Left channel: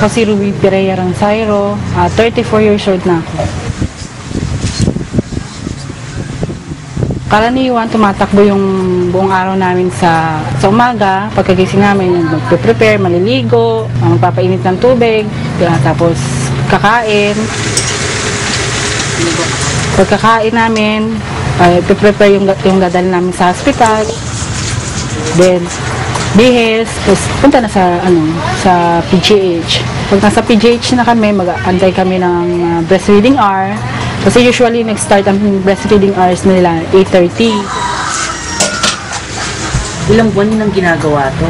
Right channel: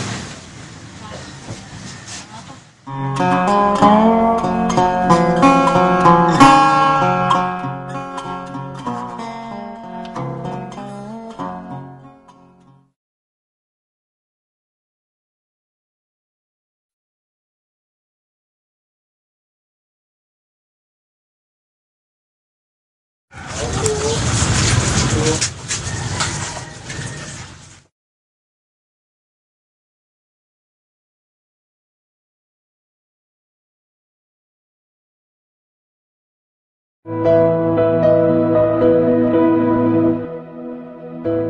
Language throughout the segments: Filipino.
Ako si Ruby Pereira Ranzairo, 34 years old na ako. Karaniwan, tumatakbo yung buong araw namin sa umaga. Pagkagising namin, magpe-prepare, maliligo, magpapainit ng tubig, tapos kakain. Pagkakain namin, prepare yung dadal namin sa hospital. Then, bihis, tapos punta na sa PGH. Pag nasa PGH na kami, mag-antay kami ng breastfeeding hour. Kasi usually, nag-start ang breastfeeding hours nila 8:30. Ilang buwan nang ginagawa to?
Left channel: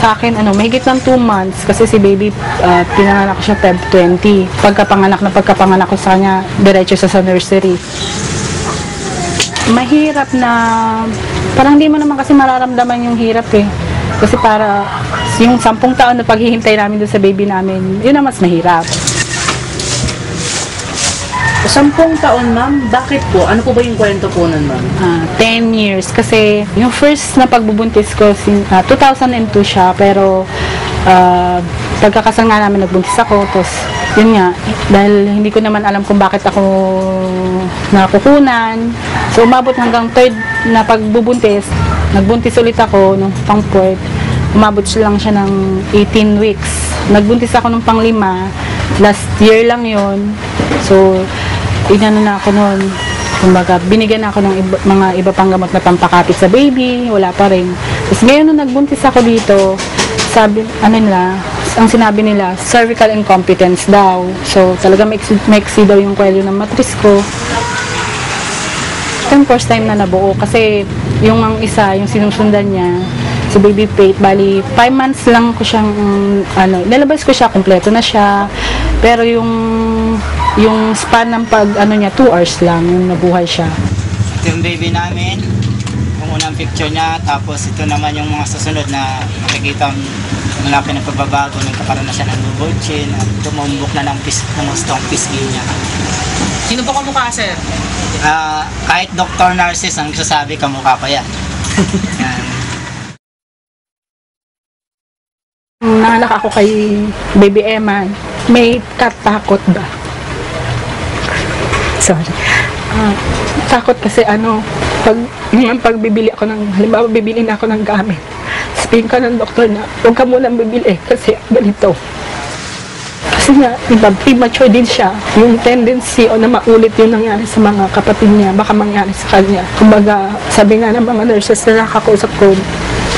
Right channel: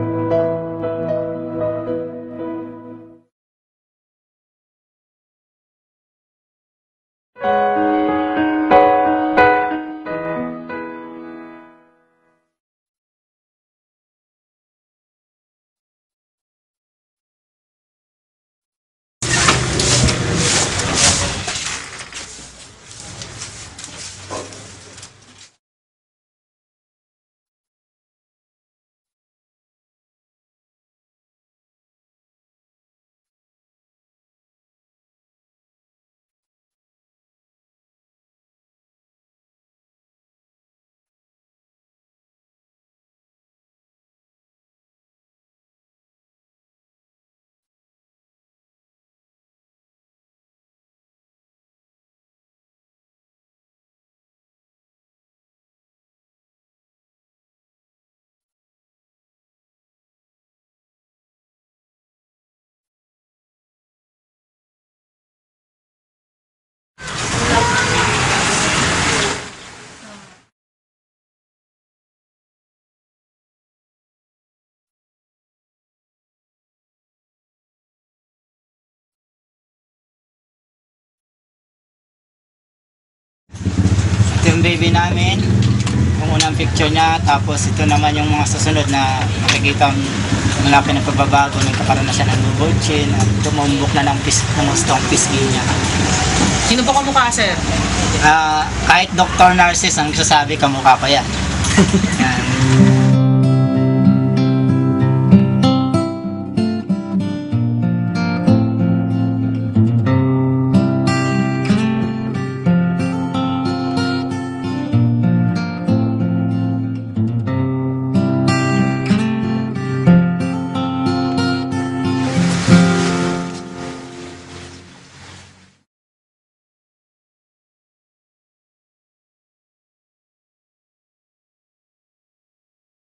Sa akin, mahigit ng 2 months kasi si baby, pinanganak ko siya Feb 20. Pagkapanganak ko sa kanya, diretso sa nursery. Mahirap na, parang hindi mo naman kasi mararamdaman yung hirap eh. Kasi para, yung 10 taon na paghihintay namin doon sa baby namin, yun ang mas mahirap. 10 taon, ma'am? Bakit po? Ano po ba yung kwento po nun, ma'am? 10 years. Kasi yung first na pagbubuntis ko, 2002 siya. Pero pagkakasal nga namin, nagbuntis ako. Tapos, yun nga, dahil hindi ko naman alam kung bakit ako nakukunan. So, umabot hanggang third na pagbubuntis. Nagbuntis ulit ako nung pang-4. Umabot lang siya ng 18 weeks. Nagbuntis ako nung pang-5. Last year lang yon. So, inano na ako noon. Kumbaga, binigyan ako ng mga iba pang gamot na pampakapit sa baby. Wala pa rin. Tapos ngayon nung nagbuntis ako dito, ang sinabi nila, cervical incompetence daw. So, talaga maiksi daw yung kwelyo ng matris ko. Ito yung first time na nabuo. Kasi yung isa, yung sinusundan niya, si baby Faith, bali 5 months lang ko siyang, nilabas ko siya, kompleto na siya. Pero yung span ng niya, 2 hours lang, yung nabuhay siya. Ito yung baby namin, yung unang picture niya, tapos ito naman yung mga susunod na makikita ang malaki ng pagbabago, nagkakaroon na siya ng bulging, at tumumbok na ng gustong pisngi niya. Sino po kamukha, sir? Kahit Dr. Narcis ang sasabi, kamukha pa yan. Nangalak ako kay Baby Emma, may katakot ba? Sorry. Takot kasi pag bibili ako halimbawa bibili na ako ng gamit, sabihin ka ng doktor na, huwag ka munang bibili kasi ganito. Kasi nga, premature din siya. Yung tendency na maulit yung nangyari sa mga kapatid niya, baka mangyari sa kanya. Kumbaga, sabi nga ng mga nurses na nakakausap ko,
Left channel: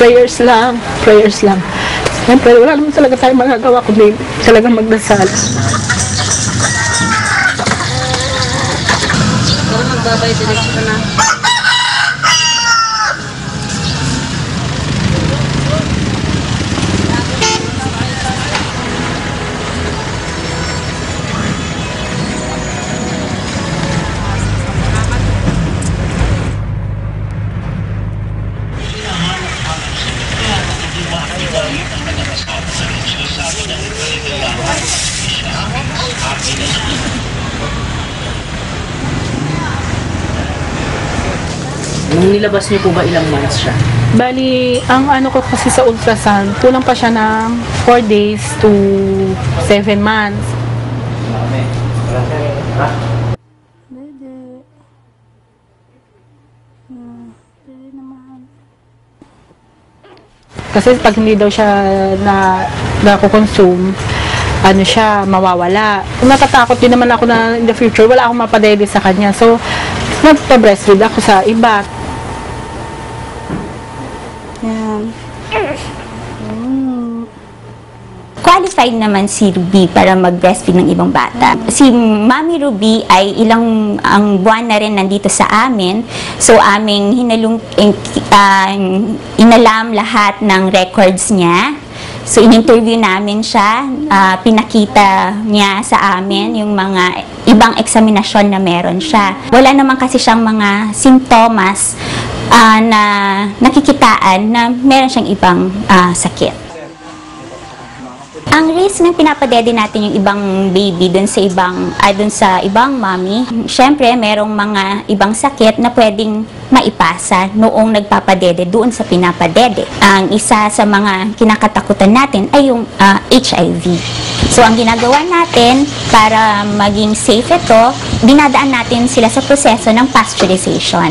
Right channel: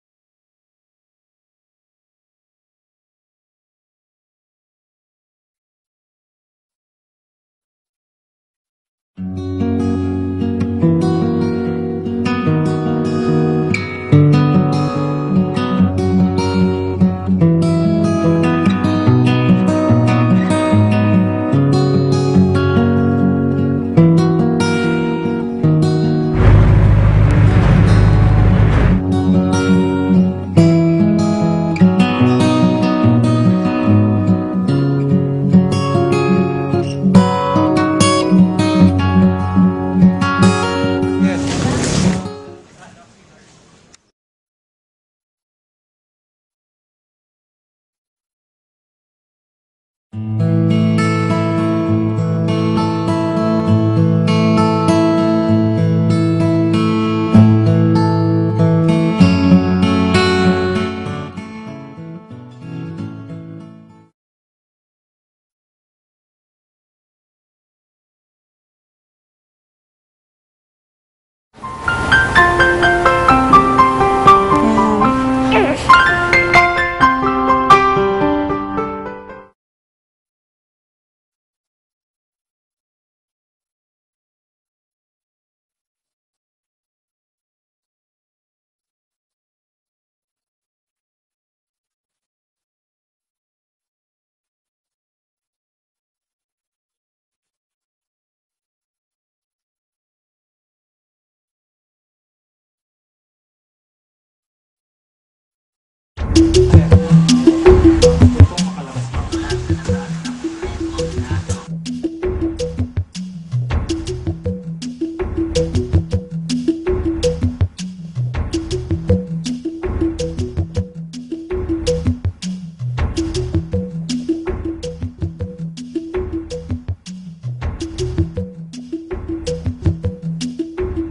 prayers lang, prayers lang. Siyempre, wala naman talaga tayong magagawa kundi talagang magdasal. Magbabay din ka na. Nilabas niyo po ba ilang months siya? Bali, ang ko kasi sa ultrasound, kulang pa siya ng 4 days to 7 months. Kasi pag hindi daw siya nakukonsume, siya, mawawala. Natatakot din naman ako na in the future, wala akong mapadede sa kanya. So, nagpa-breastfeed ako sa iba. Qualified naman si Ruby para mag-breastfeed ng ibang bata. Si Mami Ruby ay ang buwan na rin nandito sa amin. So, aming inalam lahat ng records niya. So, in-interview namin siya, pinakita niya sa amin yung mga ibang eksaminasyon na meron siya. Wala naman kasi siyang mga simptomas na nakikitaan na meron siyang ibang sakit. Ang risk Once na pinapadede natin yung ibang baby dun sa ibang mommy, syempre merong mga ibang sakit na pwedeng maipasa noong nagpapadede doon sa pinapadede. Ang isa sa mga kinakatakutan natin ay yung HIV. So ang ginagawa natin para maging safe ito, dinadaan natin sila sa proseso ng pasteurization.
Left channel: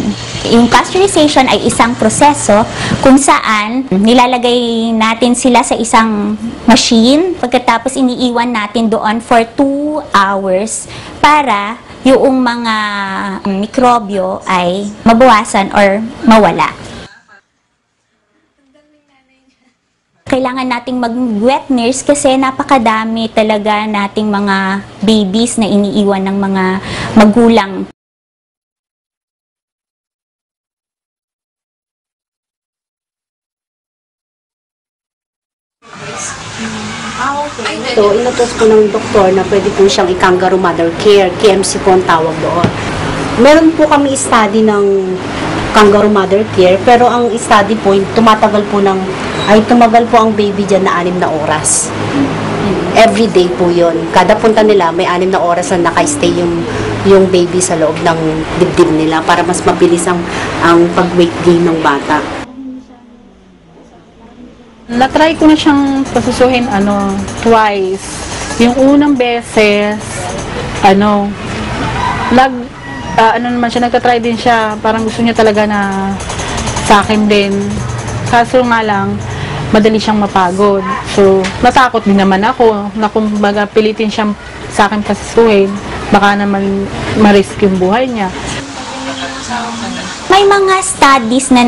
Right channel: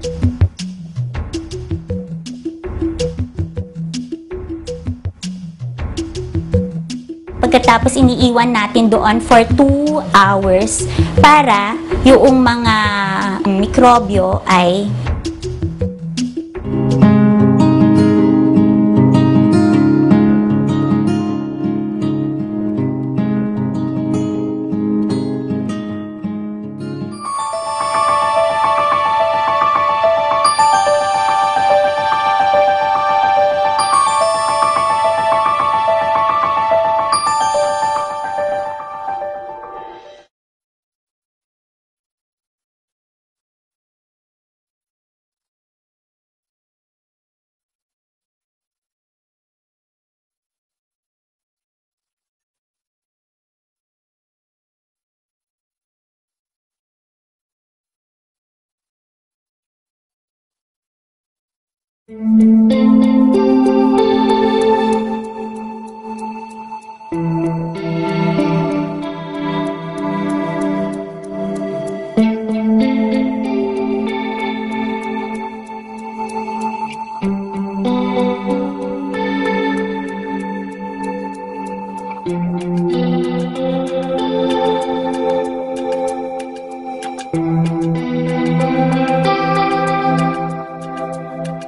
Yung pasteurization ay isang proseso kung saan nilalagay natin sila sa isang machine, pagkatapos iniiwan natin doon for 2 hours para yung mga mikrobyo ay mabawasan or mawala. Kailangan nating mag-wet nurse kasi napakadami talaga nating mga babies na iniiwan ng mga magulang. So, inutos ko ng doktor na pwede po siyang i-kangaroo mother care, KMC po ang tawag doon. Meron po kami study ng kangaroo mother care, pero ang study po, tumagal po ang baby dyan na 6 na oras. Every day po yun. Kada punta nila, may 6 na oras na naka-stay yung baby sa loob ng dibdib nila para mas mabilis ang pag-weight gain ng bata. Na-try ko na siyang pasusuhin twice. Yung unang beses, nagtatry din siya, parang gusto niya talaga na sa akin din. Kaso nga lang, madali siyang mapagod. So, natakot din naman ako na kung baga pilitin siyang sa akin pasusuhin, baka naman ma-risk yung buhay niya. May mga studies na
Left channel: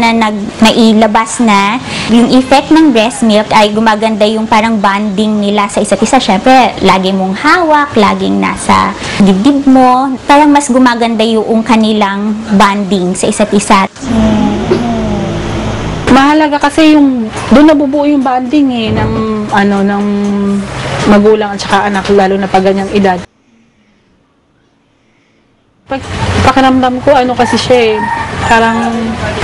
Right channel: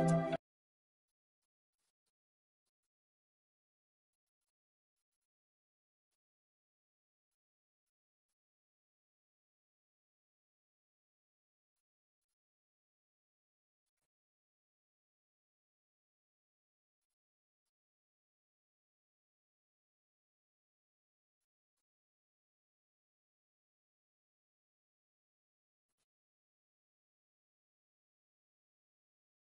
nailabas na yung effect ng breast milk ay gumaganda yung parang bonding nila sa isa't isa. Siyempre, lagi mong hawak, laging nasa dibdib mo. Parang mas gumaganda yung kanilang bonding sa isa't isa. Mahalaga kasi yung doon nabubuo yung bonding ng magulang at saka anak, lalo na pag ganyang edad. Pakiramdam ko kasi siya parang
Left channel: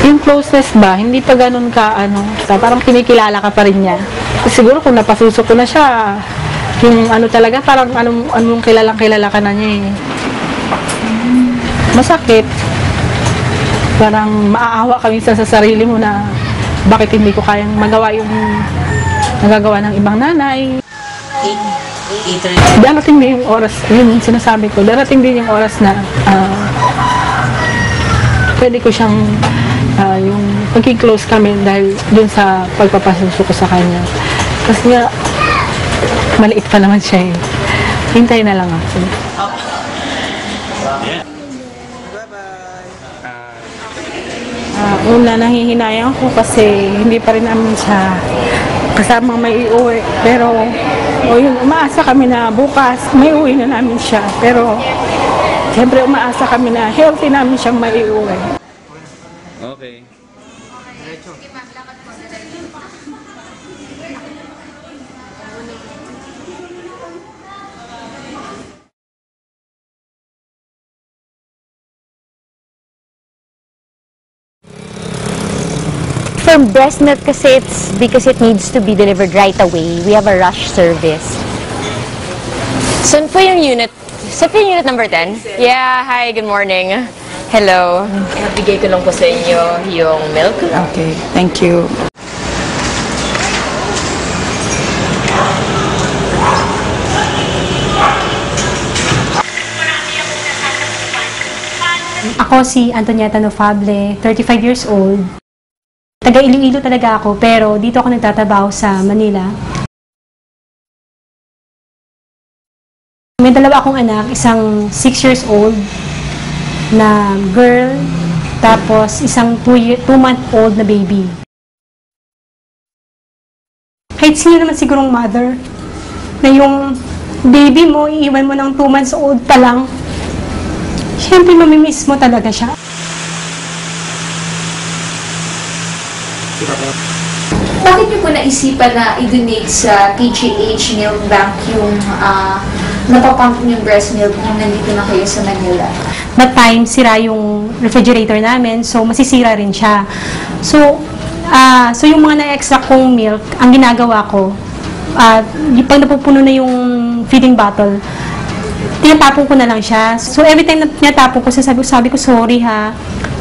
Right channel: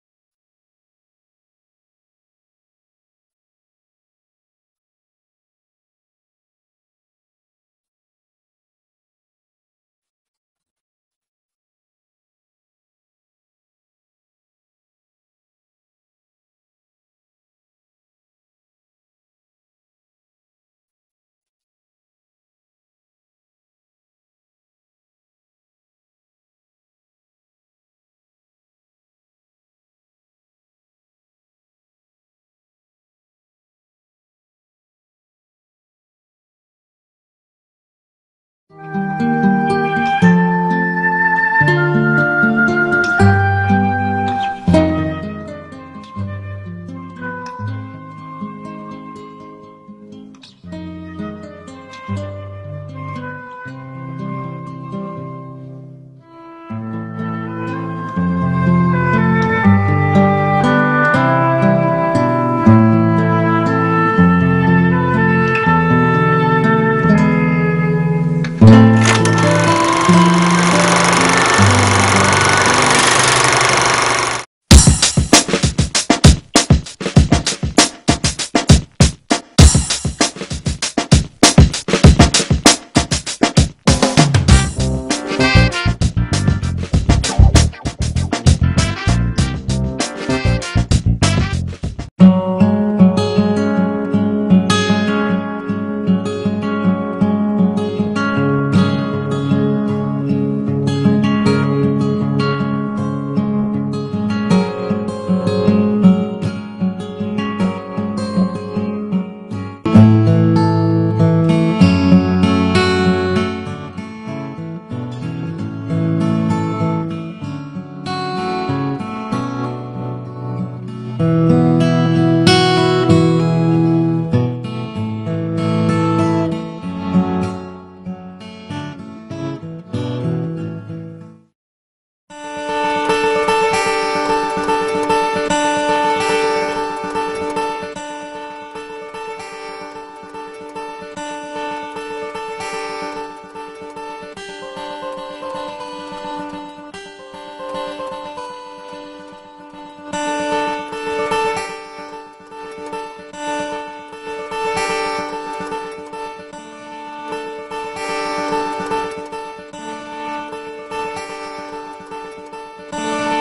yung closeness ba, hindi pa ganun ka parang kinikilala ka pa rin niya. Siguro kung napasusok ko na siya, yung talaga parang anong kilala ka na niya Masakit. Parang maaawa kami sa sarili mo na bakit hindi ko kayang magawa yung nagagawa ng ibang nanay. Darating din yung oras, yun sinasabi ko, darating din yung oras na pwede ko siyang yung magki-close kami dahil dun sa pagpapasuso ko sa kanya. Kasi nga, maliit pa naman siya Hintay na lang ako. Una, nahihinayang ako kasi hindi pa rin namin siya kasamang may iuwi. Pero, umaasa kami na bukas may uwi na namin siya. Pero, siyempre umaasa kami na healthy namin siyang maiuwi. For breast milk kasi it's because it needs to be delivered right away. We have a rush service. Saan po yung unit? Saan po yung unit number 10? Yeah, hi, good morning. Hello. Nabigay ko lang po sa inyo yung milk. Okay, thank you. Ako si Antonieta Nofable, 35 years old. Taga Iloilo talaga ako, pero dito ako nagtatrabaho sa Manila. May dalawa akong anak, isang 6 years old na girl, tapos isang 2-month-old na baby. Kahit sino naman sigurong mother, na yung baby mo, iiwan mo ng 2 months old pa lang, siyempre mamimiss mo talaga siya. Bakit niyo po naisipan na i-donate sa TGH Milk Bank yung napapump yung breast milk nung nandito na kayo sa Manila? That time, sira yung refrigerator namin, so masisira rin siya. So yung mga na-extra kong milk, ang ginagawa ko, At pag napupuno na yung feeding bottle, tinatapon ko na lang siya. So every time na tinatapon ko, sabi ko sorry ha.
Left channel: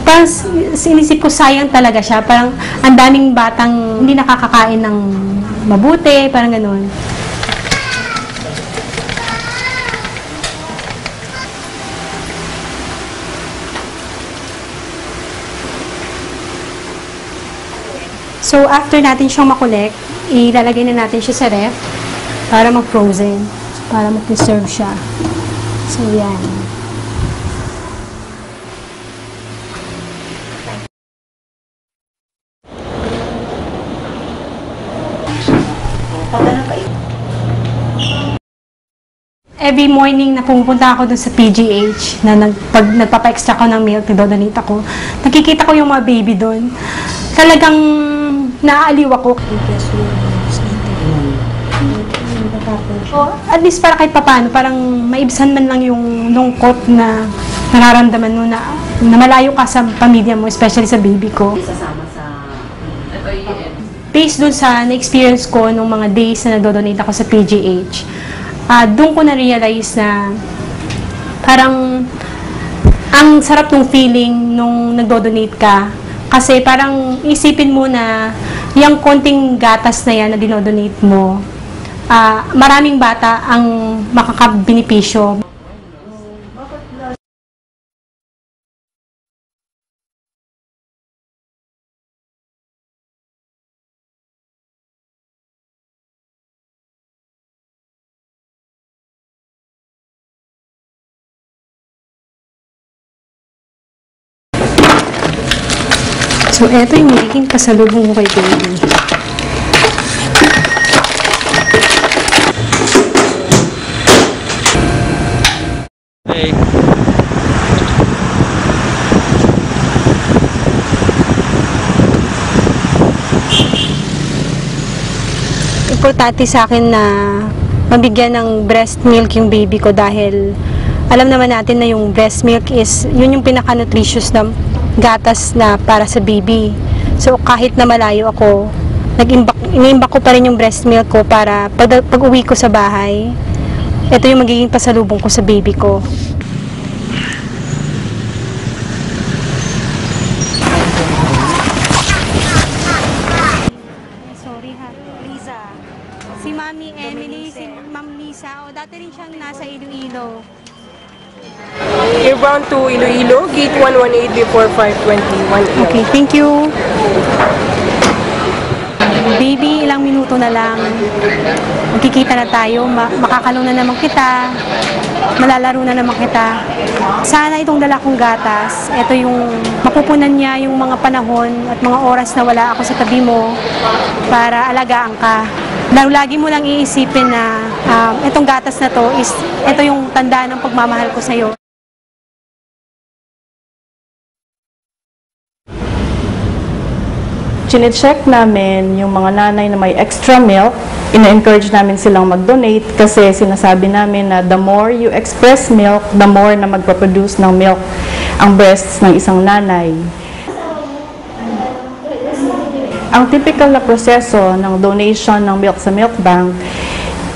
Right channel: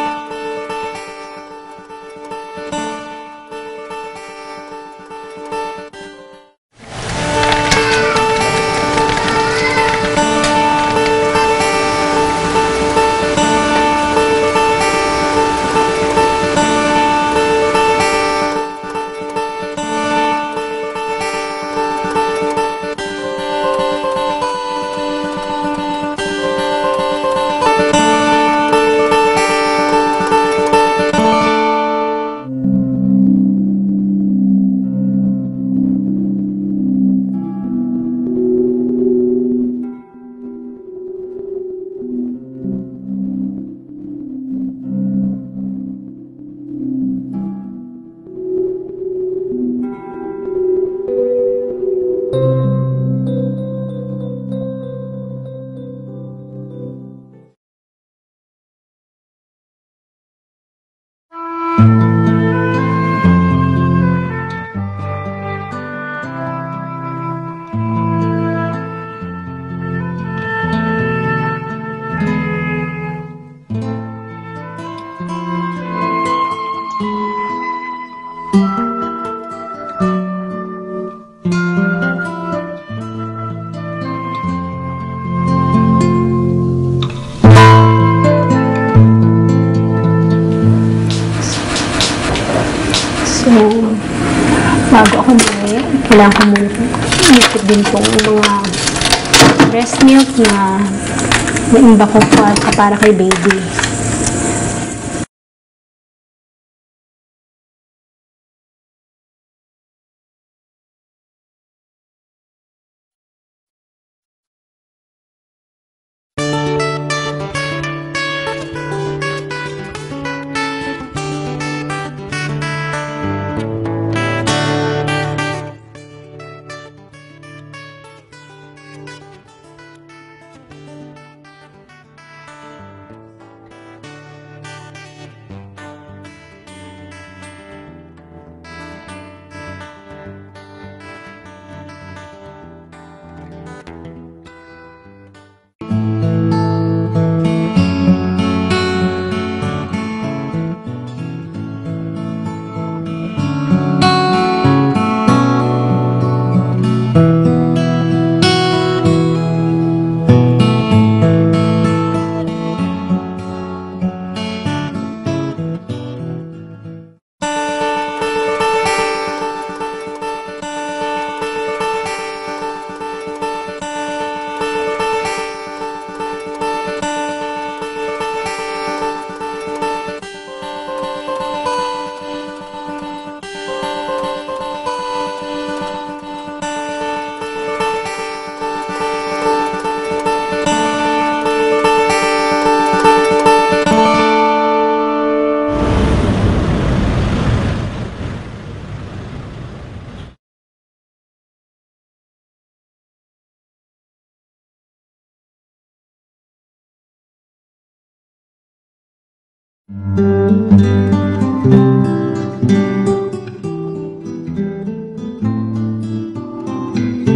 Parang sinisip ko sayang talaga siya. Parang ang daming batang hindi nakakakain ng mabuti, parang ganun. So after natin siyang makolek, ilalagay na natin siya sa ref para mag-frozen, para mag-preserve siya. So yan. Every morning na pumupunta ako dun sa PGH, na pag nagpapa-extra ko ng milk, nagdodonate ako, nakikita ko yung mga baby dun. Talagang naaaliw ako. At least para kahit papano, parang maibsan man lang yung lungkot na nararamdaman mo na malayo ka sa pamilya mo, especially sa baby ko. Based dun sa na-experience ko nung mga days na nagdodonate ako sa PGH, doon ko na-realize na parang ang sarap ng feeling nung nagdodonate ka. Kasi parang isipin mo na yung konting gatas na yan na dinodonate mo, maraming bata ang makakabenepisyo. So, bago ako muli, kailangan ko muna ikot din itong mga breast milk na naimba ko para kay baby. So, eto yung magiging pasalubong ko kay baby. Importante sa akin na mabigyan ng breast milk yung baby ko dahil alam naman natin na yung breast milk is yun yung pinaka-nutritious na gatas na para sa baby. So kahit na malayo ako, iniimbak ko pa rin yung breast milk ko para pag uwi ko sa bahay, ito yung magiging pasalubong ko sa baby ko. To Iloilo, gate 118 before 521. Okay, thank you. Baby, ilang minuto na lang. Magkikita na tayo, makakalong na naman kita, malalaro na naman kita. Sana itong dala kong gatas, ito yung mapupunan niya yung mga panahon at mga oras na wala ako sa tabi mo para alagaan ka. Lagi mo lang iisipin na itong gatas na to is ito yung tanda ng pagmamahal ko sa'yo. Chine-check namin yung mga nanay na may extra milk, ina-encourage namin silang mag-donate kasi sinasabi namin na the more you express milk, the more na magpaproduce ng milk ang breasts ng isang nanay. Ang typical na proseso ng donation ng milk sa milk bank,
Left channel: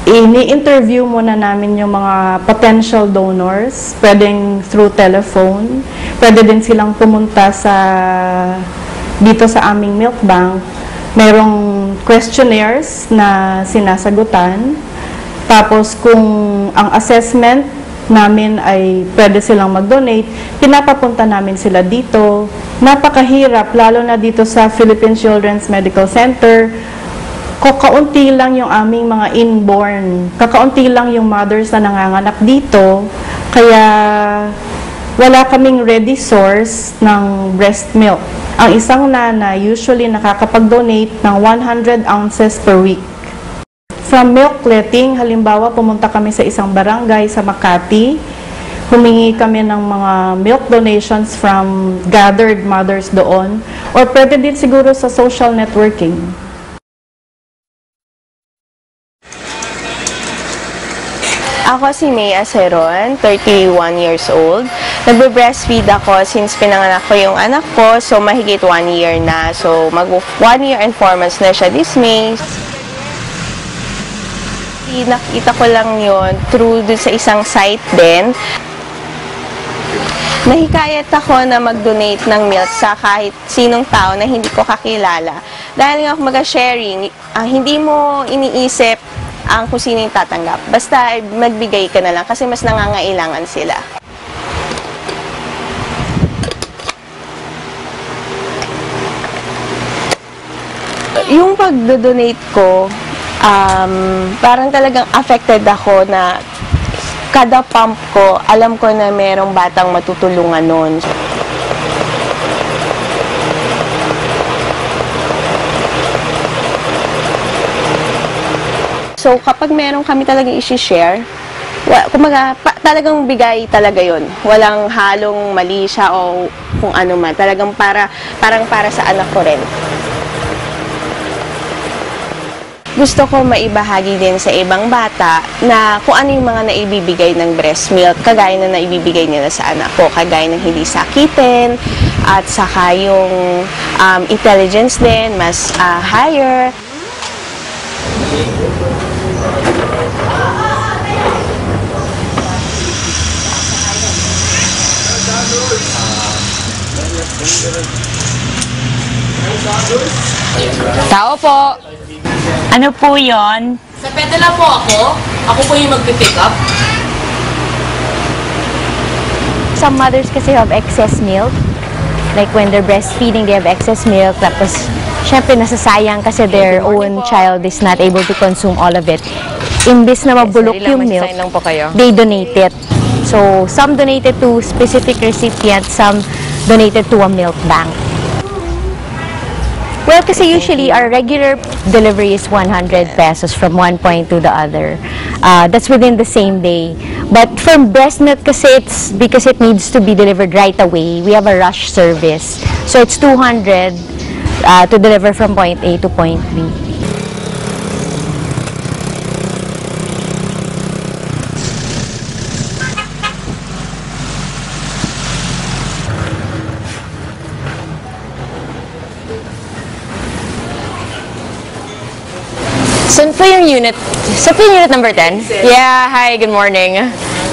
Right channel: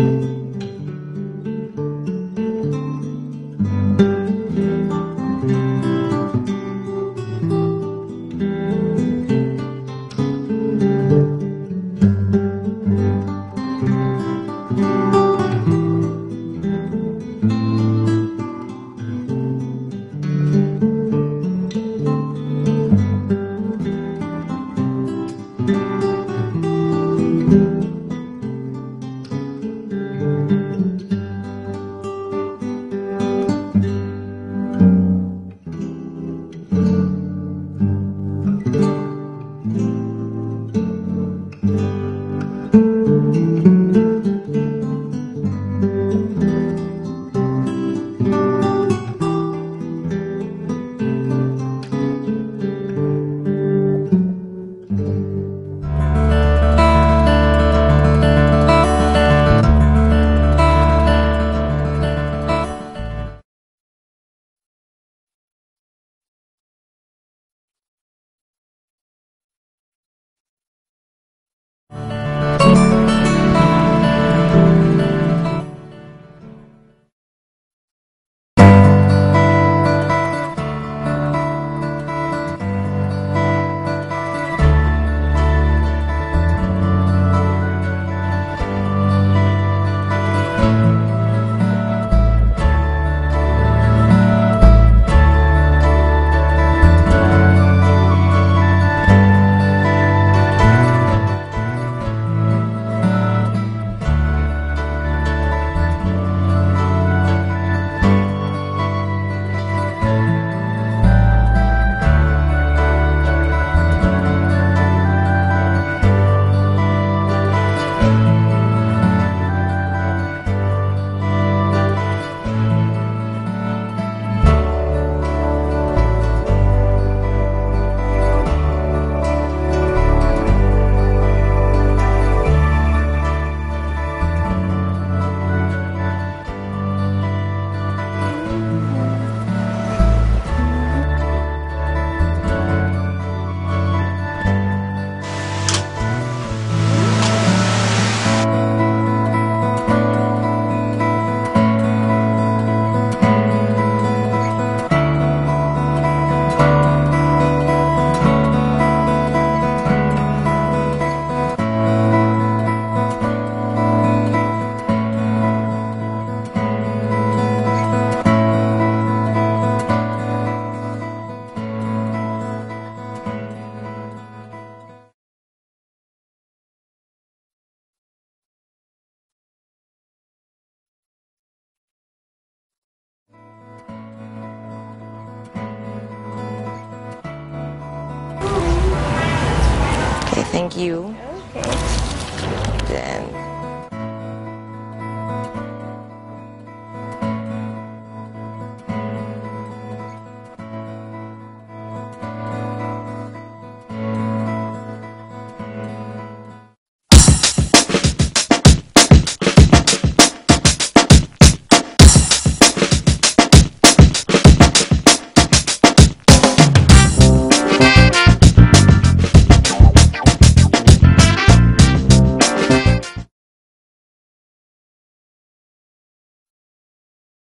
ini-interview muna namin yung mga potential donors, pwedeng through telephone, pwede din silang pumunta dito sa aming milk bank. Merong questionnaires na sinasagutan. Tapos kung ang assessment namin ay pwede silang mag-donate, pinapapunta namin sila dito. Napakahirap, lalo na dito sa Philippine Children's Medical Center. Kakaunti lang yung aming mga inborn. Kakaunti lang yung mothers na nanganganak dito. Kaya wala kaming ready source ng breast milk. Ang isang nanay usually nakakapag-donate ng 100 ounces per week. From milk letting, halimbawa pumunta kami sa isang barangay sa Makati, humingi kami ng mga milk donations from gathered mothers doon, or pwede din siguro sa social networking. Ako si Mea Seron, 31 years old. Nagbe-breastfeed ako since pinanganak ko yung anak ko, so mahigit 1 year na. So mag 1 year and 4 months na siya this May. nakita ko lang yon through dun sa isang site din. Nahikayat ako na mag-donate ng milk sa kahit sinong tao na hindi ko kakilala. Dahil nga kumaga sharing, hindi mo iniisip ang kung sino yung tatanggap. Basta magbigay ka na lang kasi mas nangangailangan sila. Yung pag-donate ko, parang talagang affected ako na kada pump ko, alam ko na merong batang matutulungan nun. So, kapag meron kami talagang isi-share, kumaga, talagang bigay talaga yon. Walang halong mali siya o kung ano man. Talagang parang para sa anak ko rin. Gusto ko maibahagi din sa ibang bata na kung ano yung mga naibibigay ng breast milk, kagaya na naibibigay nila sa anak ko, kagaya ng hindi sakitin, at saka yung intelligence din, mas higher. Tao po. Ano po yon? Sa pedala po ako. Ako po yung mag-pick up. Some mothers kasi have excess milk. Like when they're breastfeeding, they have excess milk. Tapos, syempre nasasayang kasi their own child is not able to consume all of it. Imbis na mabulok yung milk, they donate it. So, some donated to specific recipients, some donated to a milk bank. Well, kasi usually our regular delivery is 100 pesos from one point to the other. That's within the same day. But from breast milk kasi it's because it needs to be delivered right away. We have a rush service. So it's 200 to deliver from point A to point B. Saan po yung unit? Saan po yung unit number 10? Yeah, hi, good morning.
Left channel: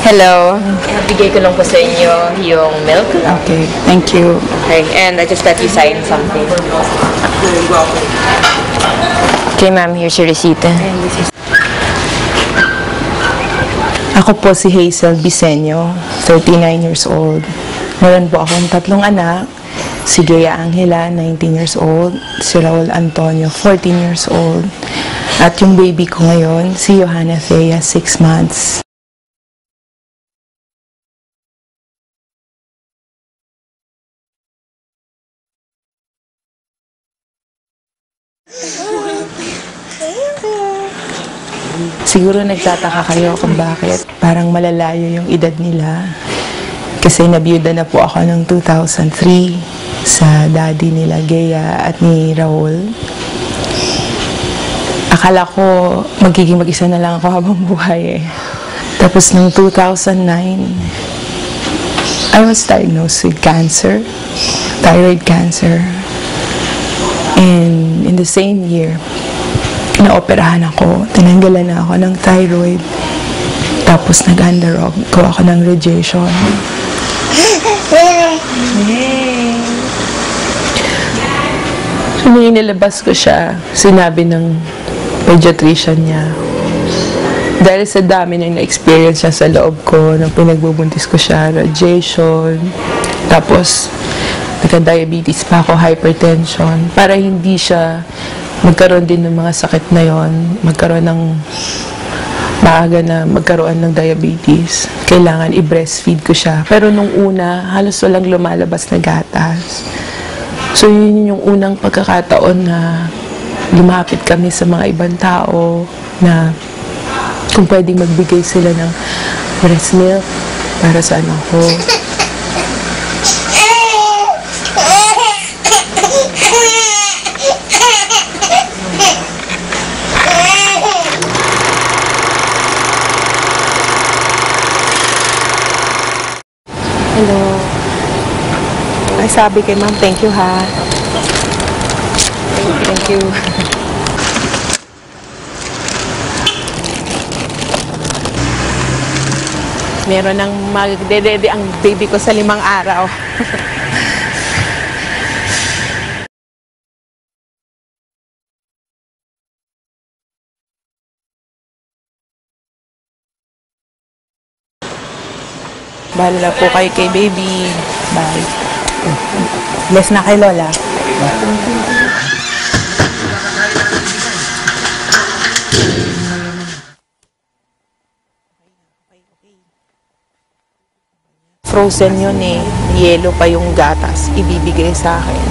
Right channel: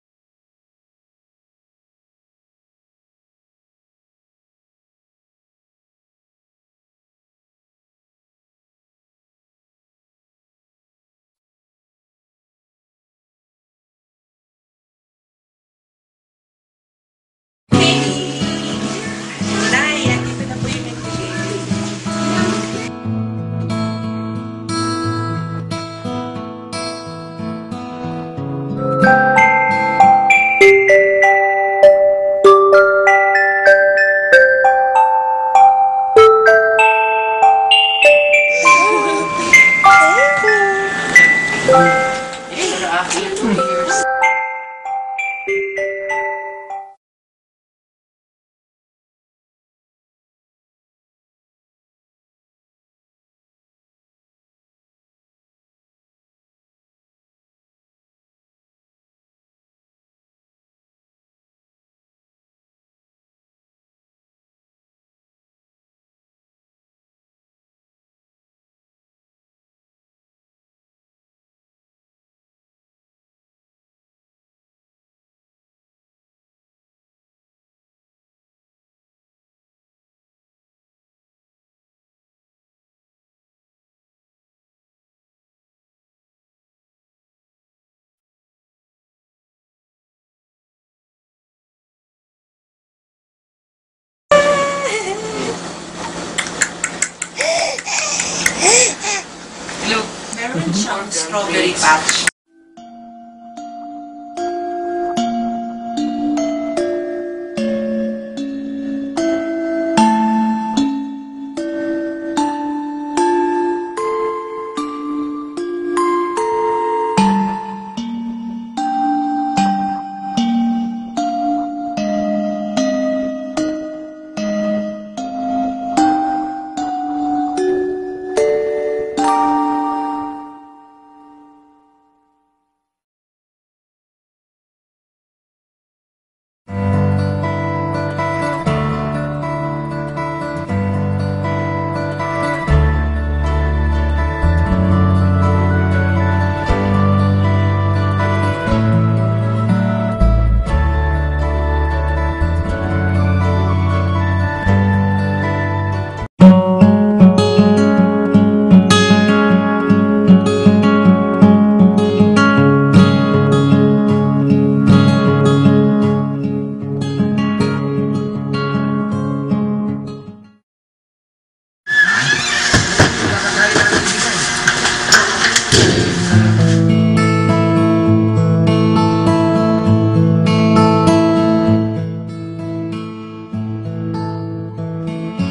Hello. Nabigay ko lang po sa inyo yung milk. Okay, thank you. Okay, and I just let you sign something. Okay, ma'am, here's your receipt. Ako po si Hazel Bisenyo, 39 years old. Meron po akong 3 anak. Si Gea Angela, 19 years old. Si Raul Antonio, 14 years old. At yung baby ko ngayon, si Johanna Thea, 6 months. Siguro nagtataka kayo kung bakit parang malalayo yung edad nila. Kasi nabiyuda na po ako noong 2003 sa daddy nila, Gea, at ni Raul. Akala ko magiging mag-isa na lang ako habang buhay eh. Tapos noong 2009, I was diagnosed with cancer, thyroid cancer. And in the same year, naoperahan ako, tinanggalan na ako ng thyroid. Tapos nag-undergo ako ng radiation. So, nung inilabas ko siya, sinabi ng pediatrician niya, dahil sa dami na na-experience niya sa loob ko, nung pinagbubuntis ko siya, radiation, tapos nagka-diabetes pa ako, hypertension, para hindi siya magkaroon din ng mga sakit na yon, magkaroon ng maaga na magkaroon ng diabetes. Kailangan i-breastfeed ko siya. Pero nung una, halos walang lumalabas na gatas. So yun yung unang pagkakataon na lumapit kami sa mga ibang tao na kung pwedeng magbigay sila ng breast milk para sa anak ko. Hello. Ay, sabi kay ma'am, thank you ha. Thank you. Meron ng magdedede ang baby ko sa 5 araw. Bahala po kayo kay baby. Bye. Bless na kay Lola. Frozen yun eh. Yelo pa yung gatas. Ibibigay sa akin.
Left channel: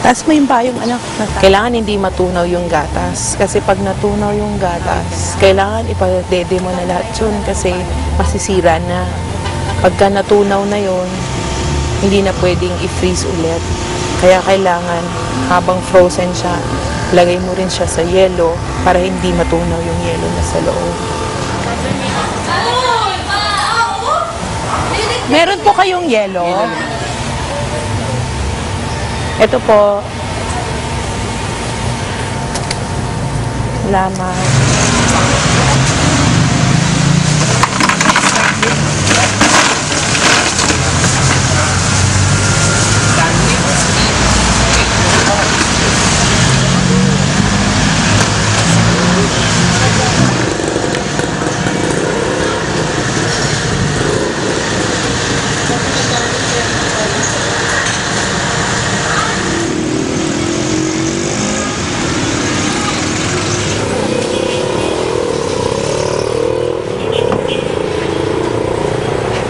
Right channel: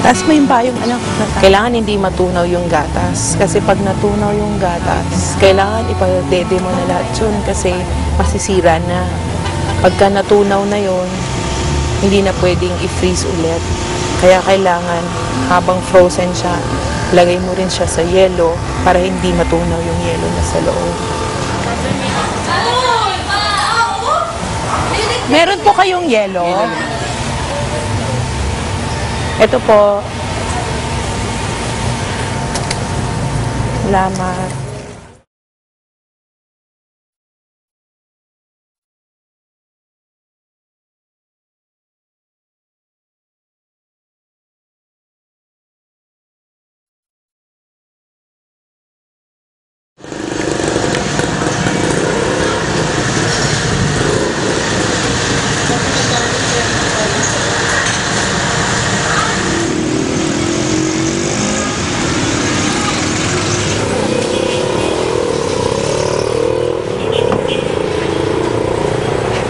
Tapos may bayong anak. Kailangan hindi matunaw yung gatas. Kasi pag natunaw yung gatas, kailangan ipadede mo na lahat yun kasi masisira na. Pagka natunaw na yun, hindi na pwedeng i-freeze ulit. Kaya kailangan, habang frozen siya, lagay mo rin siya sa yelo para hindi matunaw yung yelo na sa loob. Meron po kayong yelo? Ito po. Salamat.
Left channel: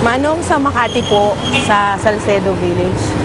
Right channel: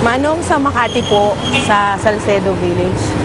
Manong sa Makati po, sa Salcedo Village.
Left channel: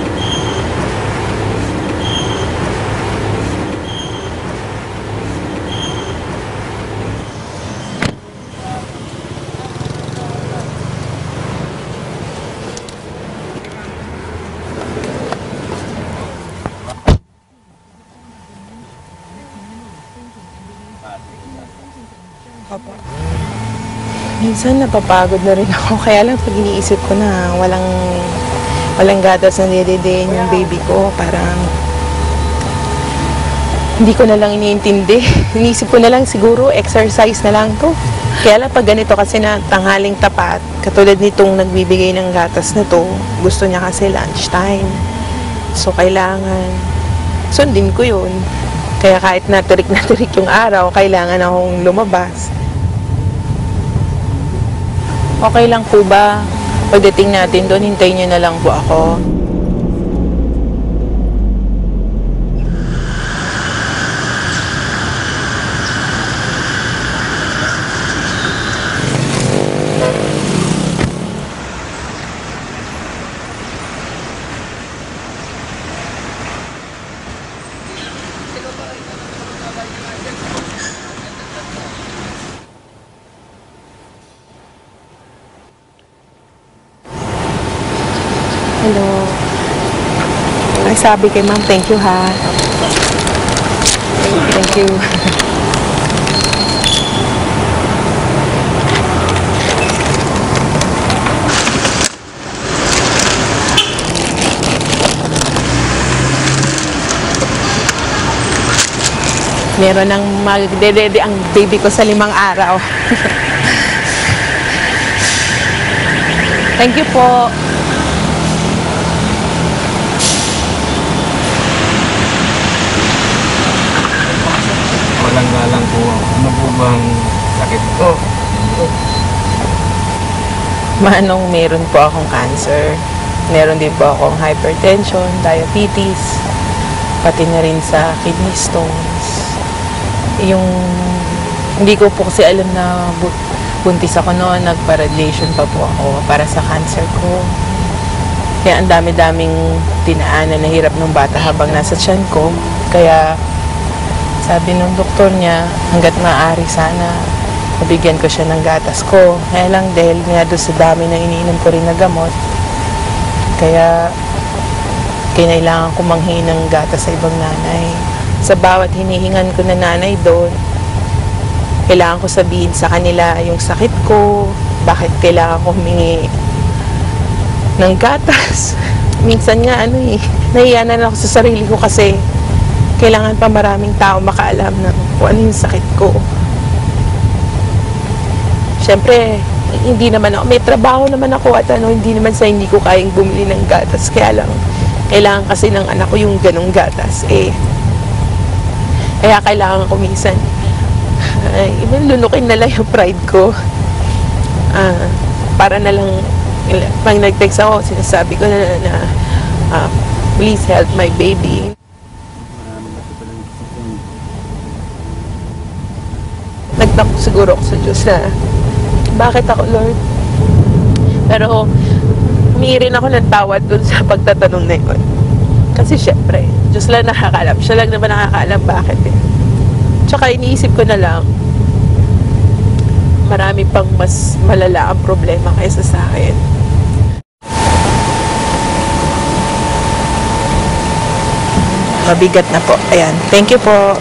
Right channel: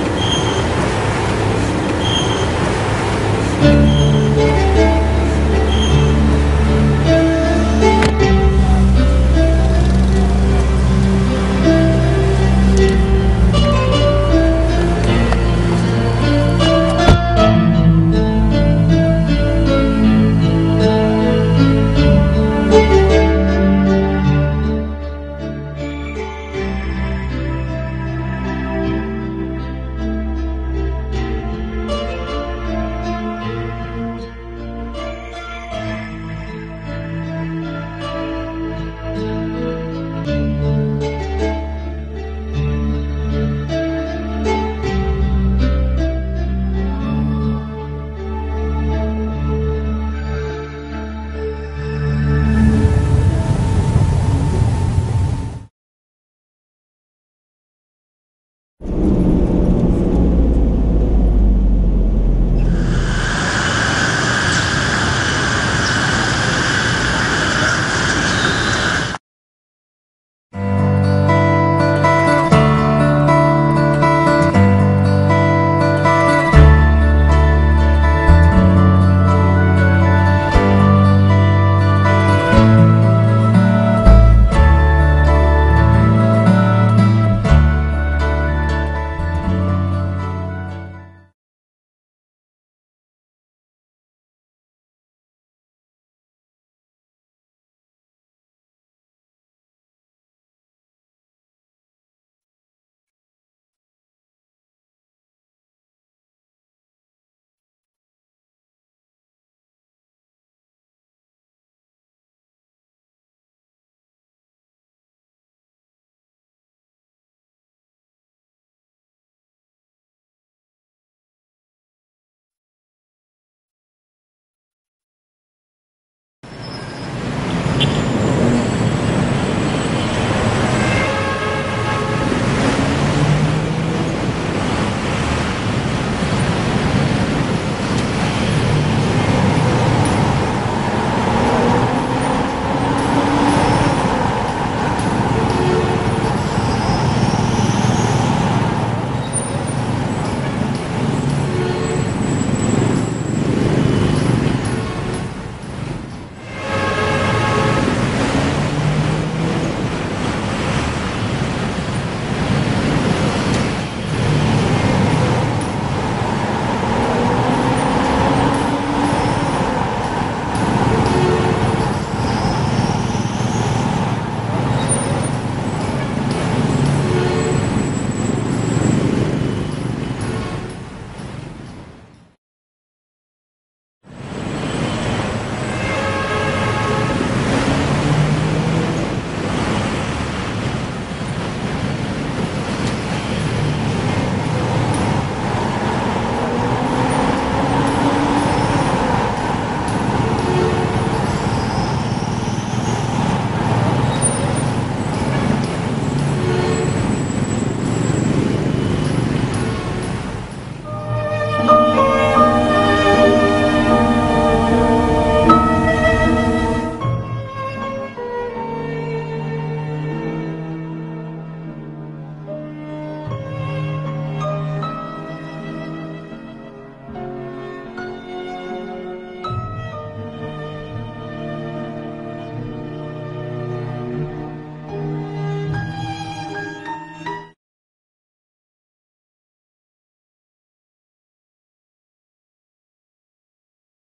Napapagod na rin ako. Kaya lang pag iniisip ko na walang gatas na nidedein yung baby ko, parang hindi ko na lang iniintindi. Iniisip ko na lang siguro exercise na lang to. Kaya lang pag ganito kasi na tanghaling tapat, katulad nitong nagbibigay ng gatas na to, gusto niya kasi lunchtime. So kailangan sundin ko yun. Kaya kahit naturik yung araw, kailangan akong lumabas. Okay lang po ba? Pagdating natin doon, hintayin niyo na lang po ako. Sabi kay ma'am, thank you ha. Thank you. Meron ng magdedede ang baby ko sa 5 araw. Thank you po. Galang po, ano po bang sakit ito? Manong meron po akong cancer. Meron din po akong hypertension, diabetes, pati na rin sa kidney stones. Hindi ko po kasi alam na buntis ako noon, nagpa-radiation pa po ako para sa cancer ko. Kaya ang dami-daming dinaanan na hirap ng bata habang nasa tiyan ko. Kaya sabi ng doktor niya, hanggat maaari sana, nabigyan ko siya ng gatas ko. Kaya lang dahil nga doon sa dami na iniinom ko rin na gamot, kaya kinailangan ko manghingi ng gatas sa ibang nanay. Sa bawat hinihingan ko na nanay doon, kailangan ko sabihin sa kanila yung sakit ko, bakit kailangan ko humingi ng gatas. Minsan nga nahiya na ako sa sarili ko kasi kailangan pa maraming tao makaalam na kung ano yung sakit ko. Siyempre, hindi naman ako, may trabaho naman ako at hindi naman sa hindi ko kayang bumili ng gatas. Kaya lang, kailangan kasi ng anak ko yung ganong gatas. Kaya kailangan ko minsan, lunukin na lang yung pride ko. Para na lang, pag nag-text ako, sinasabi ko na please help my baby. Nagtakot siguro ako sa Diyos na, bakit ako, Lord? Pero, humingi rin ako ng tawad dun sa pagtatanong na yun. Kasi syempre, Diyos lang nakakaalam. Siya lang naman nakakaalam bakit eh. Tsaka iniisip ko na lang, marami pang mas malala ang problema kaysa sa akin. Mabigat na po. Ayan. Thank you po.